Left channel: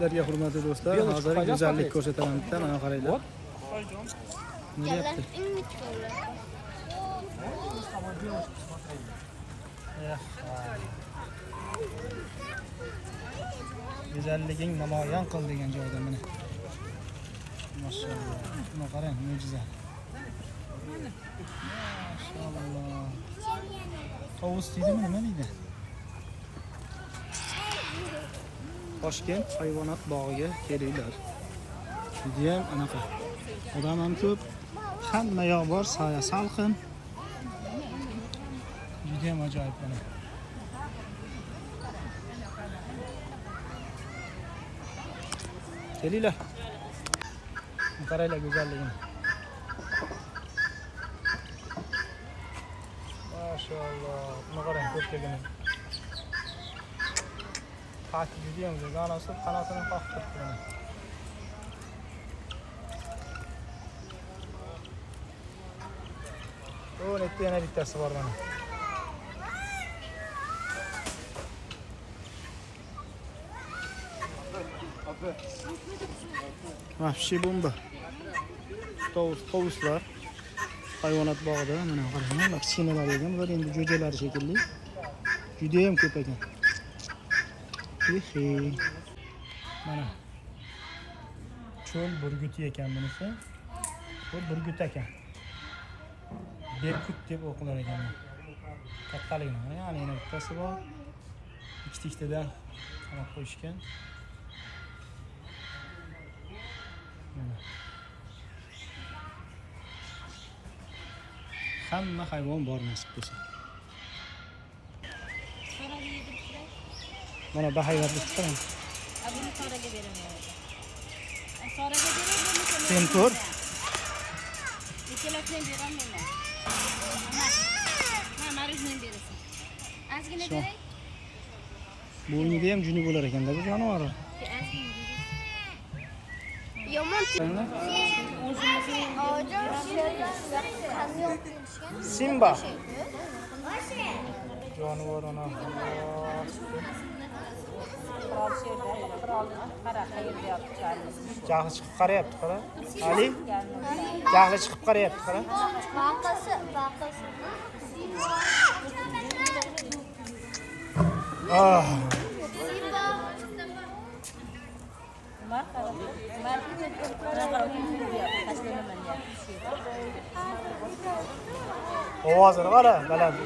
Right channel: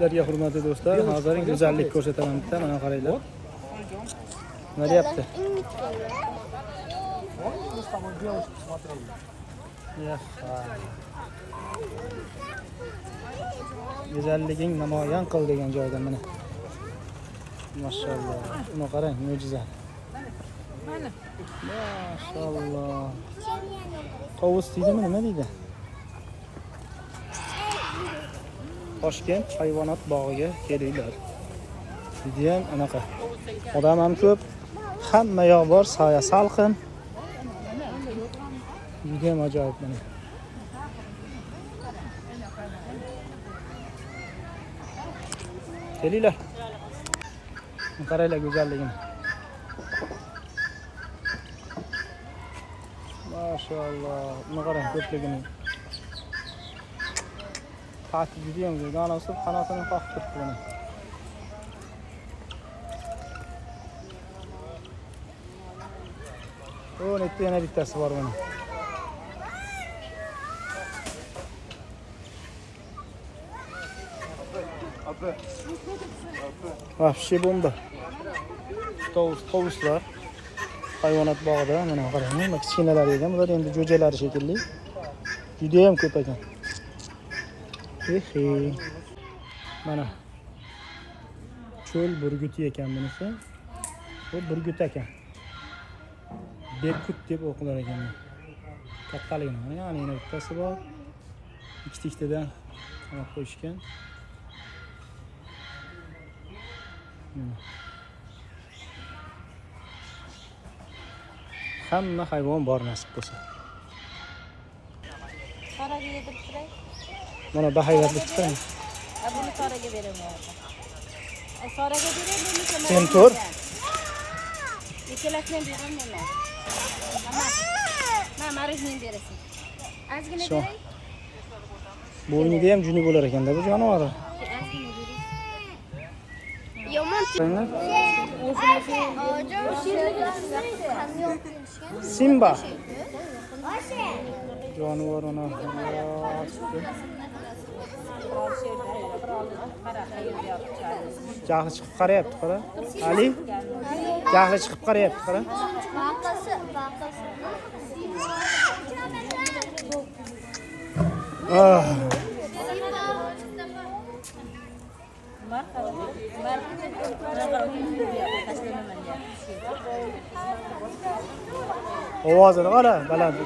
Sizlarga hurmatli do'stlar, hozir go'zallik ko'rsataman bitta, mana qaranglar. Nima deyapti? Go'zalliging namoyon qil degan joyda mana. Mashalloh. Buni qarang, mo'jiza. Mashalloh. Tovus deydimi, nima deydi? Toshkent hayvonot bog'iga kelinglar. Juda ham anaqa. Odam ham ko'p, hamma yoq bor, soya salqin. Juda ham ajoyib mana. Kelinglar. Qaranglar go'zalligini. Mashalloh. Buni qarang, ko'pligini. Qati juda ham zo'r, donasi qanotini qoqib turibdi. O'n ikkita yana bittasi bor buni. Вообще bomba. Tovuslar hayvonot bog'ida mana qarang, nima kichkinalar ekan, bular endi jo'jalari shekilli. Juda ham ko'p ekan. Mana cho'l burguti ekan bunisi. Bu burgut ekan. Berkut deb o'qilar ekan. Kattaligini, ya'ni yana bittasi bor. Ikkitadan qo'yishgan. Hamma hayvon bor nasib bo'lsa. Qaraga yedib turay. Mana bahayotlik chiqadi. Buni qaraga beraman. Soraga beraman, Kim ko'r? Ikkalasini beraman. Mana marizni berasan. Ozgina So. beray. Bo'lmidi ham juni bo'lar ekan-da bu jonivor. Yomon. Simba. Jonivorni. Jahli chiqib qarayapti, qara. Ali? Jahli chiqib qarayapti, qara. Baqasi. Ovozini qara, baland.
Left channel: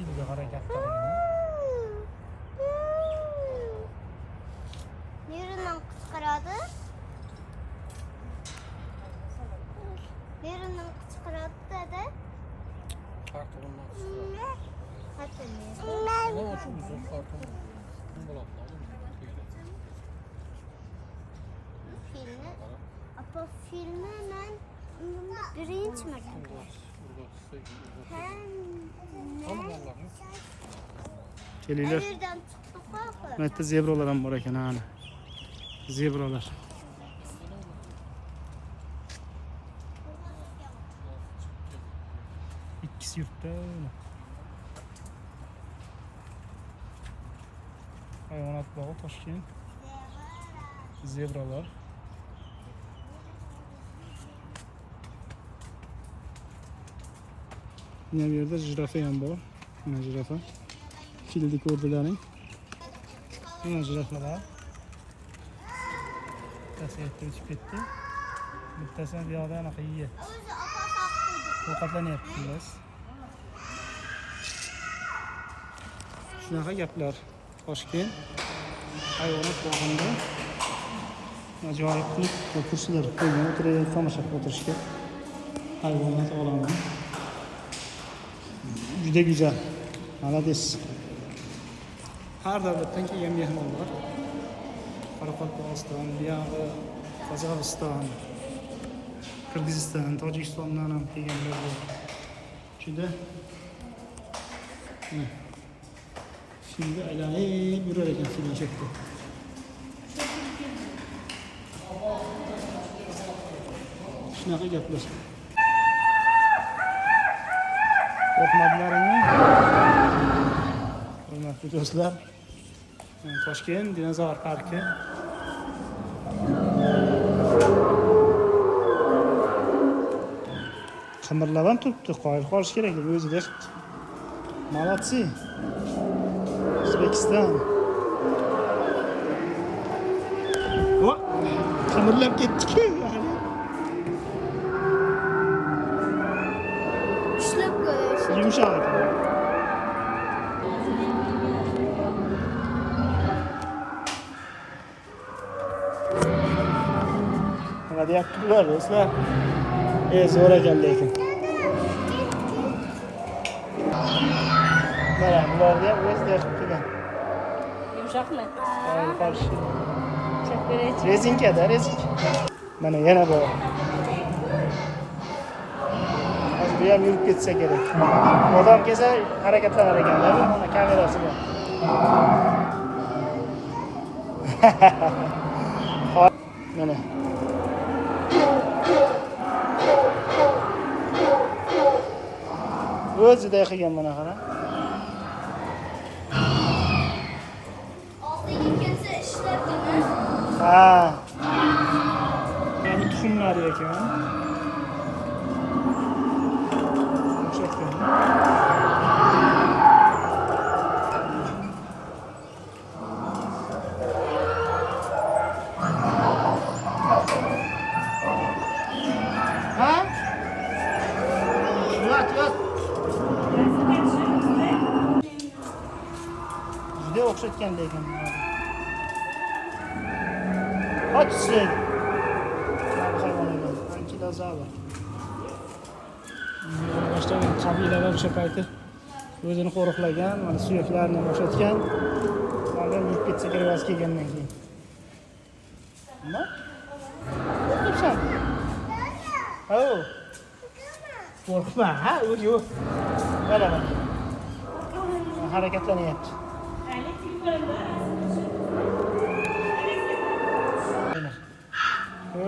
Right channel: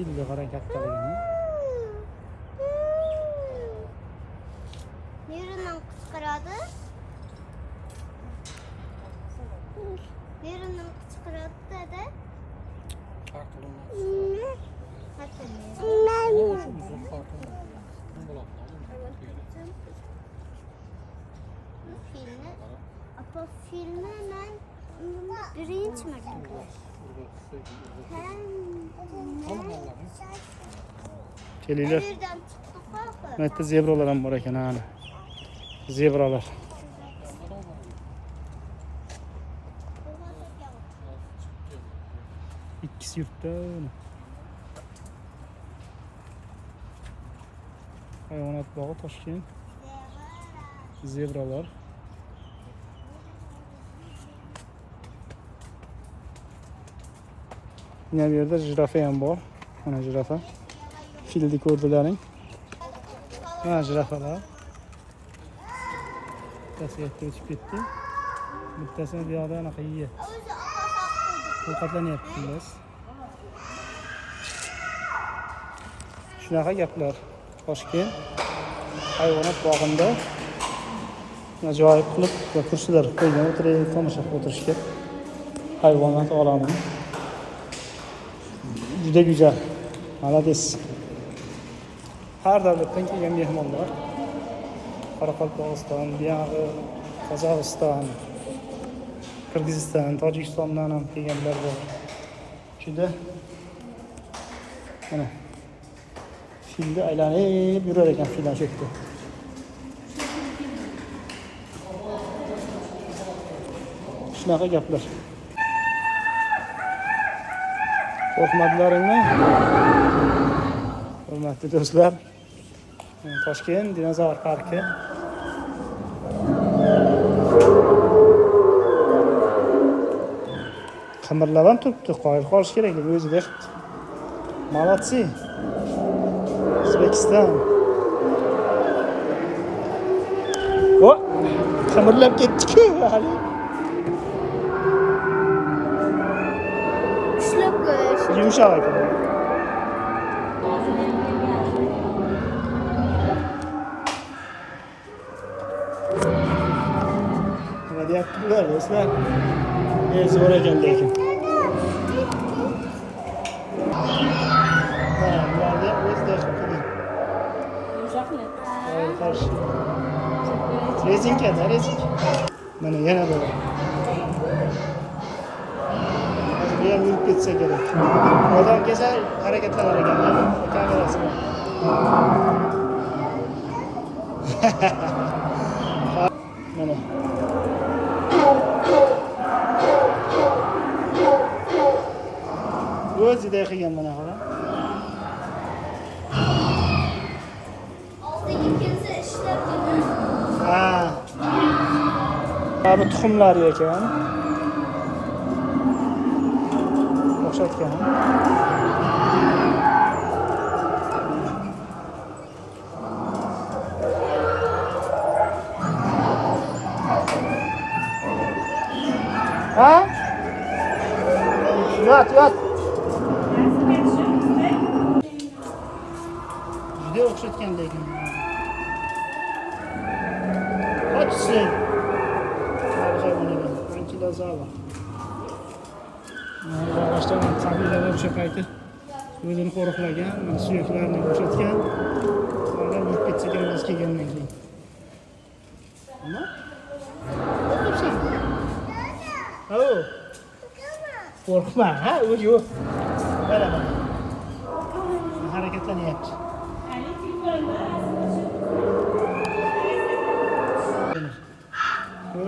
Filga harakatlanadi. Neridan qichqiradi? Neridan qichqiradi dedi? Farklı olmaz. Hatırlayın. Ne olsun bu farklı olmaz. Ne bulalım? Filmi. Apa filmi ben birinci mertebe. Kelinglar. Nereden çıktı papa? Bu yerda zebralar ham bor ekan, ana. Zebralar. İkisi yurtda. Hayvonot bog'i Toshkent. Zebralar. Yine bir yerde jirafa ham bor. Mana jirafa. Filni ko'rdilaring. Mana jirafalar. Bittasi yerga o'tib ketdi. Bittasini bu yoqda anaqa yeyapti. Ovqatlanyapti biz. Shunaqa gaplar. Toshkent hayvonot bog'ida ajoyib qilib kursilar qo'ygan, o'tirib tomosha qilib o'tirishga. Hayvonot olami. Juda güzel. Malades. Har davlatdan kelgan mehmonlar. Qoraqalpog'iston, buyog'i Qozog'iston, Qirg'iziston, Tojikistondan ham kelganlar bor. Juda mana filda aylanib yurar ekan fildan chetda. Shunaqa gaplar. Qo'rqmadlaringmi? Hurmatli do'stlar, Toshkent dinozavr parki. Qimirlab ham turibdi, qoyil qolish kerak deb o'zida. Молодцы. O'zbekiston. O, qimirlab ketdi-ku hali. Ushlab qo'yish. Yumshoq ekan. Nima deyaptilar do'stlar? Zo'r ekan lekin. Mana bularni ham o'zida qilib. Yumshoqmi? Qarshi. Chek beraychi. Rezinkada, rezinka. Mana yana bor. Bu ham yurib ketsa kerak. Odam kelsa harakatlanar ekanlar kamerasi bilan. Mana. O'zida qilgan mana qara. Oldiga kelsa ishlatdimi? Ha. Mana tuxumlar ekan. O'xshatgan. Ha? Yot. Juda o'xshatgan lekin. Qochsin. Birinchidan zala. Boshdan qabilalar o'sha payti o'zini qo'riqlagan, mana suyaklarni bo'shatgan. Hozir yurib ketsa kerak vaz kelgandan keyin. Nima? Qo'rqibsan? Alo. Qo'rqma, ha? Yo'q. Mana. Harakatlanyapti.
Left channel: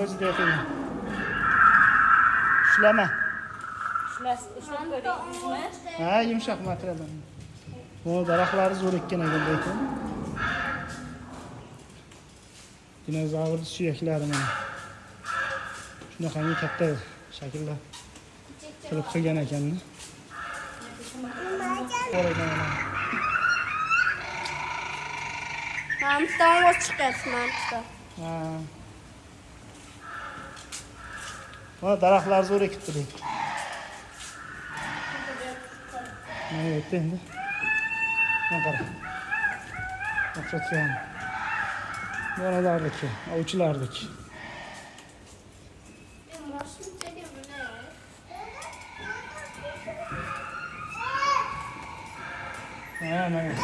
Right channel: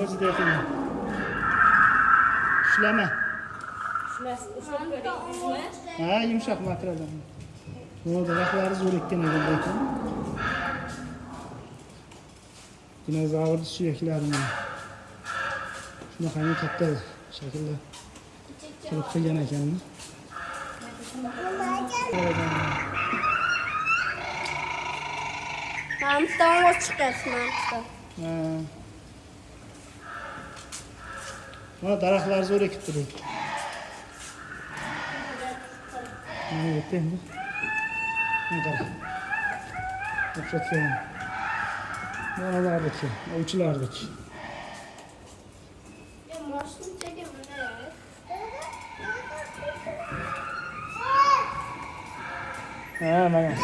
O'zida qiyin. Ushlama. Ushlab ko'rdingizmi? Ha, yumshoq materialdan. Bu daraxtlari zo'r ekan lekin. Dinozavr suyaklari mana. Shunaqangi katta shaklda qilib qilgan ekan. Mamton o'z chiqasiz, mamton. Ha. Mana daraxtlar zo'r ekibdi lekin. Mana o'tdi endi. Mana qara. O'xshatgan. Nimalardaki, ovchilardaki. Ha, mana.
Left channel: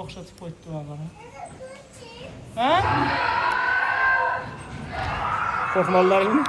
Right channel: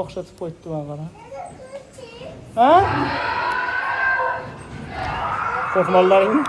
O'xshatib qo'yibdi mana qara. Ha? Qo'rqmonlaringmi?